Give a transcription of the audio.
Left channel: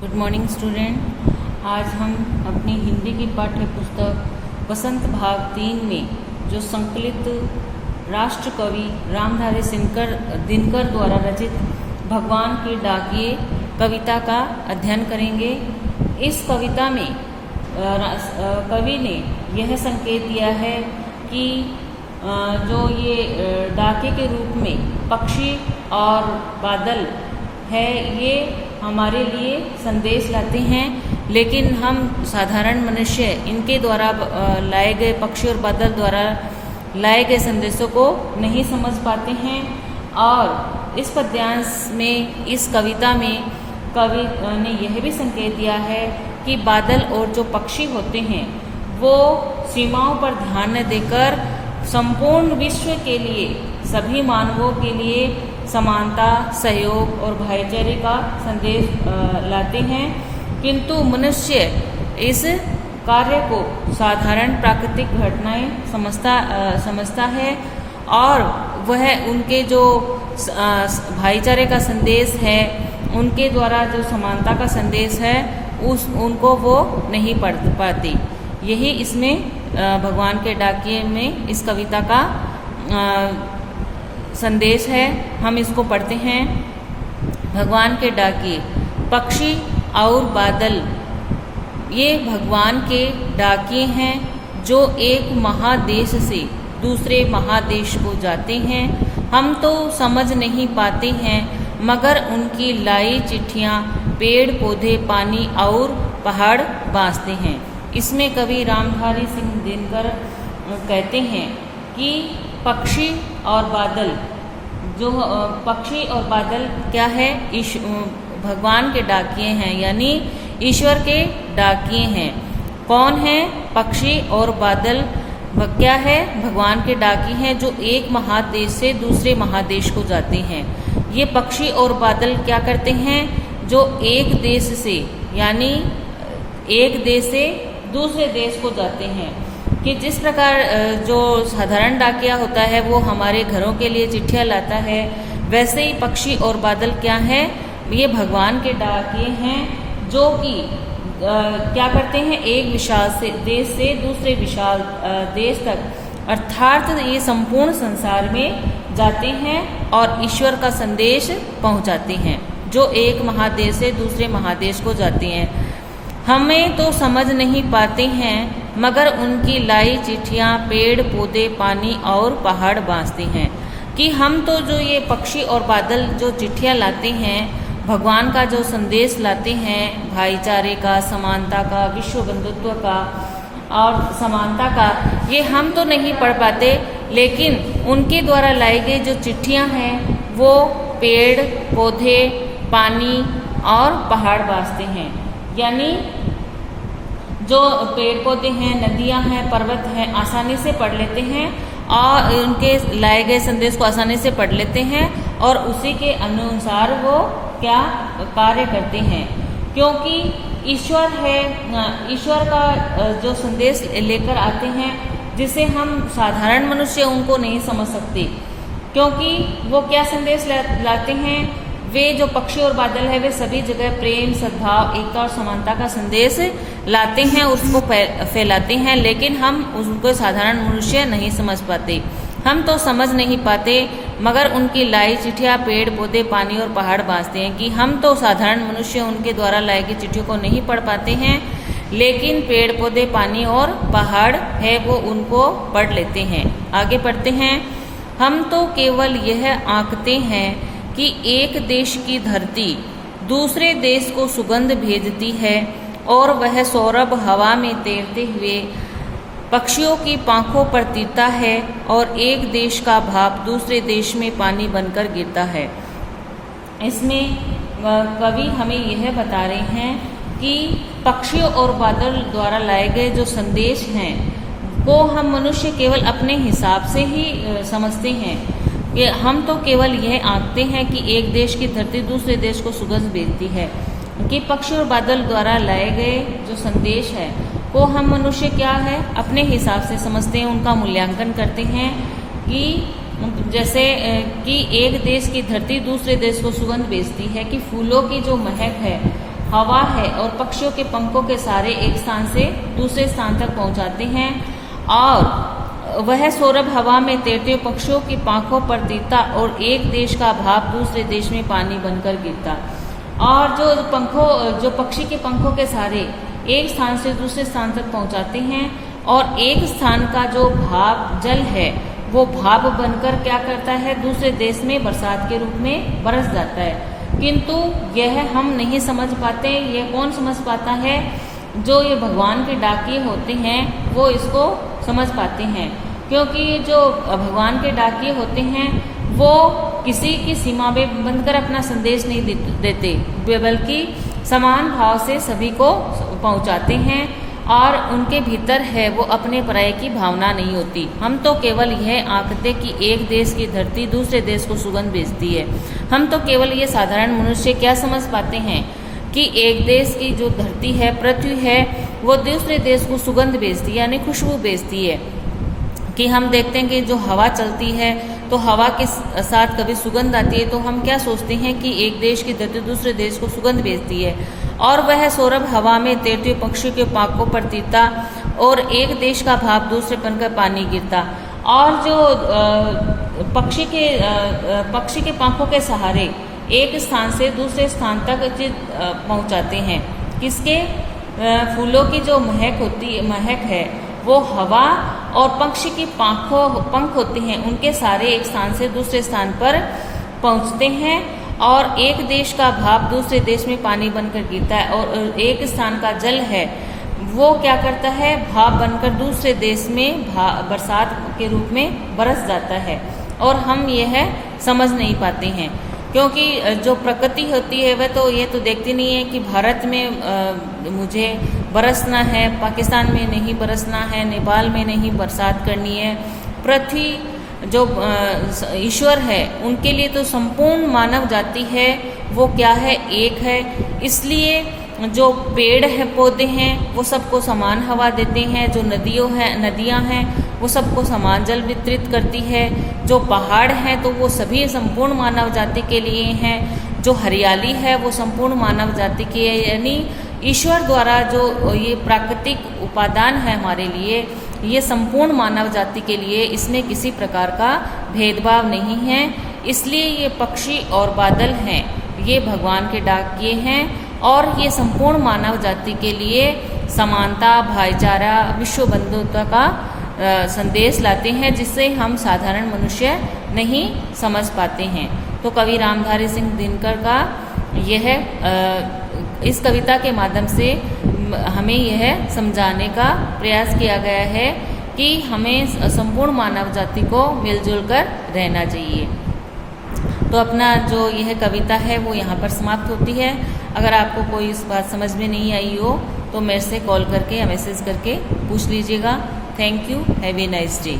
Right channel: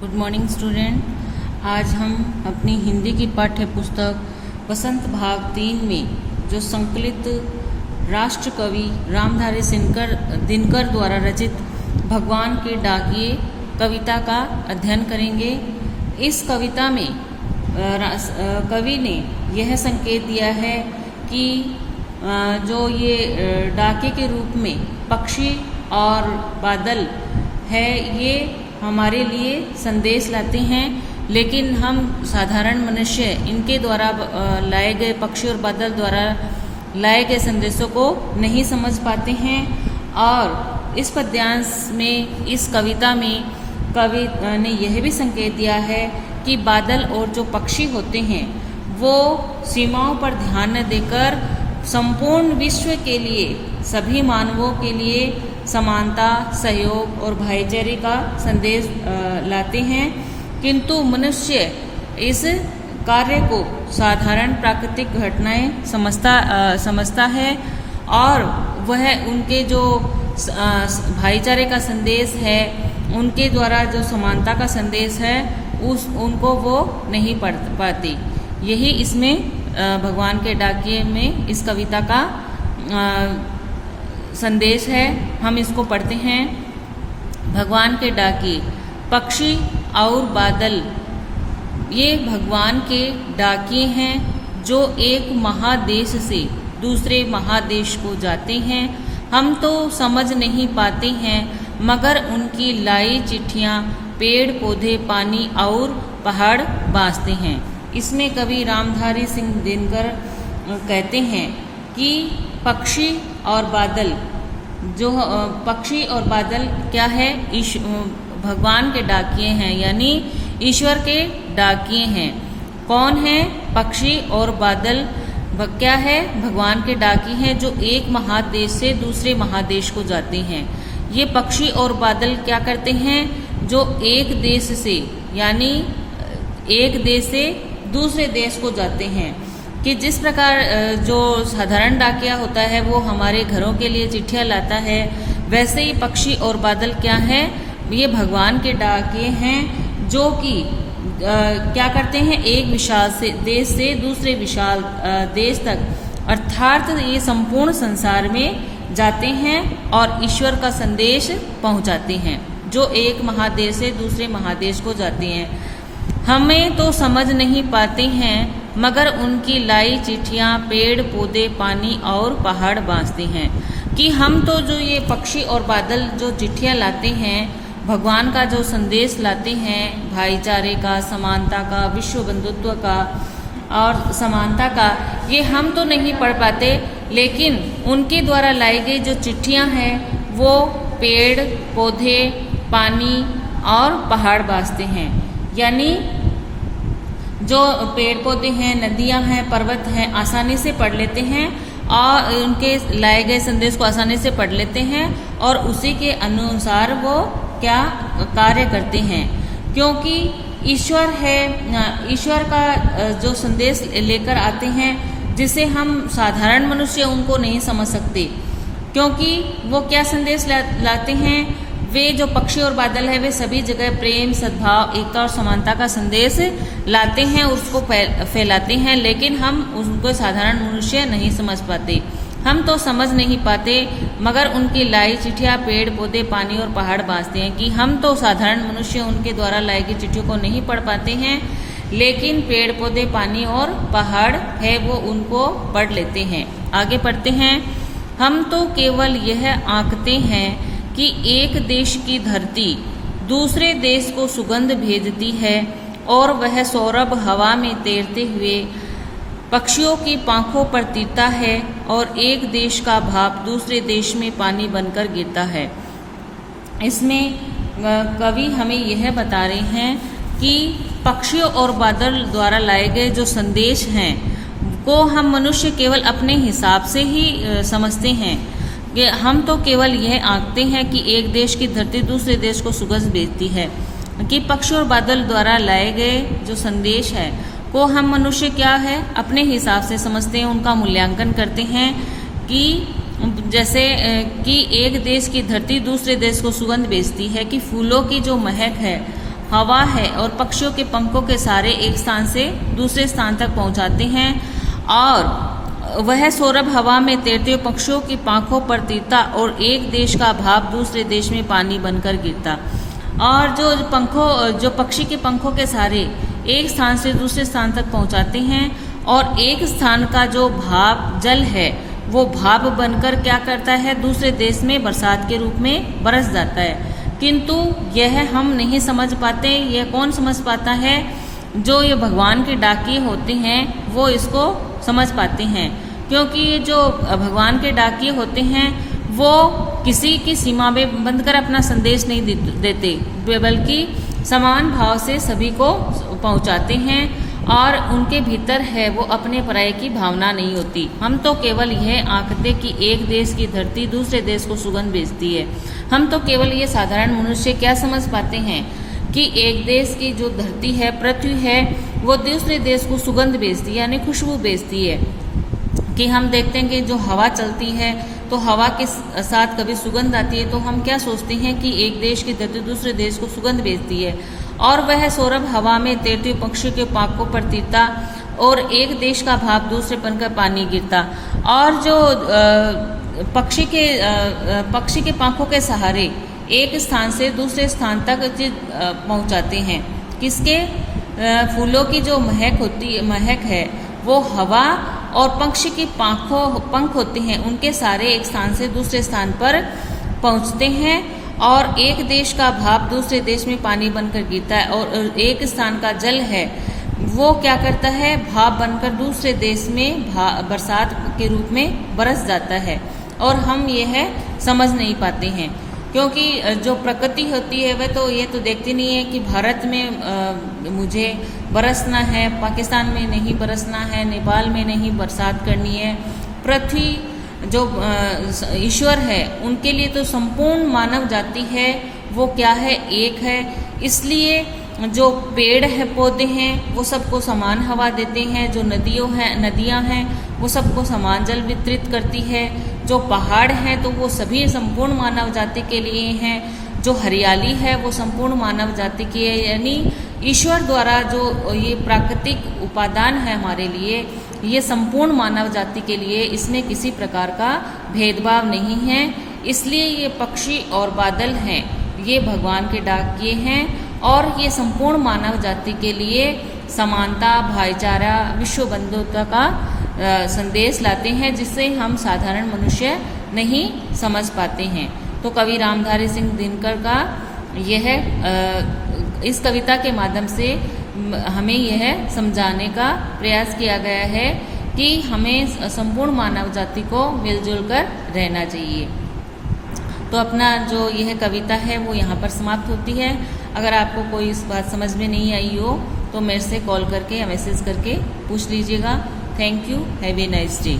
Good morning student. आज हम अपनी हिंदी की पाठ्य पुस्तक वसंत भाग 3 में जो संकलित राष्ट्र कवि रामधारी दिनकर द्वारा रचित भगवान के डाकिए कविता का अध्ययन करेंगे। इस कविता में कवि ने यह संकेत दिया है कि जो ये डाके के रूप में पक्षी और बादल है, ये हमारे लिए संदेश लाते हैं, लेकिन हम साधारण मनुष्य इनके द्वारा लाए गए पक्षी और बादल द्वारा लाए गए संदेशों को नहीं समझ पाते हैं। और इस पद्यांश में, इस कविता में कवि ने यह भी संकेत दिया है कि बादल और जो पक्षी होते हैं वो सीमाओं पर ध्यान न देकर संपूर्ण विश्व के लिए, सभी मानवों के लिए समानता, सहयोग और भाईचारे का संदेश लाते हैं, किंतु मनुष्य इस कार्य को साधारण प्राकृतिक घटनाएं समझता है और वह उनके जो भाईचारे का संदेश है, उनके द्वारा जो समानता का संदेश है, उनको वो नहीं पढ़ पाती। यही इसमें भगवान के डाकिए में इस कविता का संदेश है। हम इसको पढ़ते हैं। भगवान के डाकिए। पक्षी और बादल ये भगवान के डाकिए हैं जो एक महादेश से दूसरे महादेश को जाते हैं। हम तो समझ नहीं पाते हैं, मगर उनकी लाई चिट्ठियाँ पेड़ पौधे, पानी और पहाड़ बाँसते हैं। इसमें कवि रामधारी सिंह दिनकर कहते हैं कि पक्षी और बादल, जो पक्षी और बादल क्या है, भगवान के डाकिए हैं, यानी ईश्वर के डाकिए हैं। कौन है पक्षी और बादल? क्या है? भगवान के डाकिए हैं जो एक महादेश से दूसरे महादेश को जाते हैं। ये पक्षी और बादल क्या करते हैं? जो एक देश से, यानी एक देश से दूसरे देश को जाते हैं। कि जिस प्रकार जो साधारण डाकिया होता है वो हमारे घरों के लिए चिट्ठियाँ लाता है, वैसे ही पक्षी और बादल क्या है, ये भगवान के डाकिए हैं जो कि क्या करते हैं, एक विशाल से देश से दूसरे विशाल देश तक, अर्थात ये संपूर्ण संसार में जाते हैं और ईश्वर का संदेश पहुंचाते हैं, जो एक महादेश से दूसरे महादेश को जाते हैं। हमें तो समझ नहीं पाते हैं, मगर उनकी लाई चिट्ठियाँ पेड़ पौधे, पानी और पहाड़ बाँसते हैं। कि हम तो जो ये पक्षी और बादल जो चिट्ठियाँ लाते हैं, भगवान का जो संदेश लाते हैं, भाईचारे का, समानता का, विश्व बंधुत्व का और समानता का, ये हम तो नहीं पढ़ पाते, लेकिन उनके द्वारा लाई गई जो चिट्ठियाँ हैं वो पेड़ पौधे, पानी और पहाड़ बाँसते हैं। यानी जो पेड़ पौधे हैं, नदियां हैं, पर्वत हैं, आसानी से पढ़ लेते हैं और उनके लाए गए संदेश को आसानी से पढ़ लेते हैं और उसी के अनुसार वो क्या कार्य करते हैं। क्योंकि ईश्वर है, ईश्वर का जो संदेश लेकर आते हैं, जिसे हम साधारण मनुष्य उनको नहीं समझ सकते। क्योंकि वो क्या संदेश लाते हैं, वे जो पक्षी और बादल है वे सभी जगह प्रेम, सद्भाव, एकता और समानता का संदेश लाते हैं, उसको फैलाते हैं, लेकिन हम उसको साधारण मनुष्य नहीं समझ पाते। हम तो समझ नहीं पाते, मगर उनकी लाई चिट्ठियाँ पेड़ पौधे, पानी और पहाड़ बाँसते हैं। कि हम तो साधारण मनुष्य उनके द्वारा लाई गई चिट्ठियों को नहीं पढ़ पाते हैं, लेकिन पेड़ पौधे, पानी और पहाड़ है वो उनको पढ़ लेते हैं। आगे पढ़ते हैं। हम तो केवल यह आंकते हैं कि एक देश की धरती दूसरे देश को सुगंध भेजती है और वह सौरभ हवा में तैरते हुए पक्षियों की पांखों पर तीरता है और एक देश का भाप दूसरे देश में पानी बनकर गिरता है। इसमें कवि हमें यह बता रहे हैं कि पक्षियों और बादल द्वारा लाए गए जो संदेश हैं को हम मनुष्य केवल अपने हिसाब से ही समझते हैं। हम तो केवल यह आंकते हैं कि एक देश की धरती दूसरे देश को सुगंध भेजती है। कि पक्षी और बादल द्वारा लाए गए जो संदेश है को हम मनुष्य क्या है, अपने हिसाब से समझते हैं, उनका मूल्यांकन करते हैं। कि जैसे कि एक देश की धरती दूसरे देश को सुगंध भेजती है, कि फूलों की जो महक है, हवा है और पक्षियों के पंखों के सहारे एक स्थान से दूसरे स्थान तक पहुंचाते हैं, और वह सौरभ हवा में तैरते हुए पक्षियों की पांखों पर तीरता और एक देश का भाप दूसरे देश में पानी बनकर गिरता। और जो पक्षी के पंखों के सहारे एक स्थान से दूसरे स्थान तक पहुंचाते हैं, और एक स्थान का जो भाप जल है वो भाप बनकर क्या करता है, दूसरे देश में बरसात के रूप में बरस जाता है। किंतु यह हम नहीं समझ पाते। यह कौन समझ पाता है? जो ये भगवान के डाकिये होते हैं वो इसको समझ पाते हैं, क्योंकि जो भगवान के डाकिये होते हैं वो किसी की सीमा में बंधकर अपना संदेश नहीं देते, बल्कि समान भाव से सभी को पहुंचाते हैं, और उनके भीतर है वो अपने पराये की भावना नहीं होती। हम तो केवल यह आंकते कि एक देश की धरती दूसरे देश को सुगंध भेजती है। हम तो केवल ये साधारण मनुष्य क्या समझ पाते हैं कि एक देश की जो धरती है, पृथ्वी है, वो दूसरे देश को सुगंध भेजती है, यानी खुशबू भेजती है। कि हम देखते हैं कि जो हवा चलती है तो हवा के साथ कभी सुगंध आती है, तो हम क्या सोचते हैं कि एक देश की धरती दूसरे देश को सुगंध भेजती है, और वह सौरभ हवा में तैरते हुए पक्षी के पांखों पर तीरता और एक देश का भाप दूसरे पन का पानी गिरता। और जो पक्षी के पंखों के सहारे एक स्थान से दूसरे स्थान तक पहुंचाते हैं। किसके? फूलों की जो महक है वो हवा, और पक्षी की पंख होते हैं उनके सारे एक स्थान से दूसरे स्थान पर पहुंचते हैं, और एक देश का भाप दूसरे देश में पानी बनकर गिरता है, और एक स्थान का जल है वो क्या करता है, भाप बनकर दूसरे देश में बरसात के रूप में बरस जाता है। और हम यह समझ नहीं पाते हैं, क्योंकि जो प्रकृति होती है वह तो ये तो देखती नहीं है कि भारत में मुझे बरसना है, पाकिस्तान में नहीं बरसना है, नेपाल में नहीं बरसात करनी है। पृथ्वी जो ईश्वर है उनके लिए तो संपूर्ण मानव जाति है वो क्या है, एक है। इसलिए जो पेड़ है, पौधे हैं, वो सबको समान हवा देते हैं। जो नदियां हैं वो सबको समान जल वितरित करती है। जो पहाड़ हैं तो वो सभी संपूर्ण मानव जाति के लिए हैं। जो हरियाली है वो संपूर्ण मानव जाति की है। यानी ईश्वर द्वारा जो ये प्राकृतिक उपादान है हमारे लिए, ये संपूर्ण मानव जाति के लिए, इसमें किसी प्रकार का भेदभाव नहीं है। इसलिए ये पक्षी और बादल हैं, ये भगवान के डाकिये हैं, और ये संपूर्ण मानव जाति के लिए समानता, भाईचारा, विश्व बंधुता का संदेश लाते हैं, जिसे हम साधारण मनुष्य नहीं समझ पाते हैं। तो कवि रामधारी सिंह दिनकर का यह इस कविता के माध्यम से हमें यह समझाने का प्रयास किया गया है कि हमें संपूर्ण मानव जाति को मिलजुल कर रहना चाहिए। तो अपना जो यह कविता है वो यहाँ पर समाप्त होती है। अगर आपको कोई इस बात समझ में नहीं आई हो तो मेरे से कॉल करके या मैसेज करके पूछ लीजिएगा। Thank you. Have a nice day.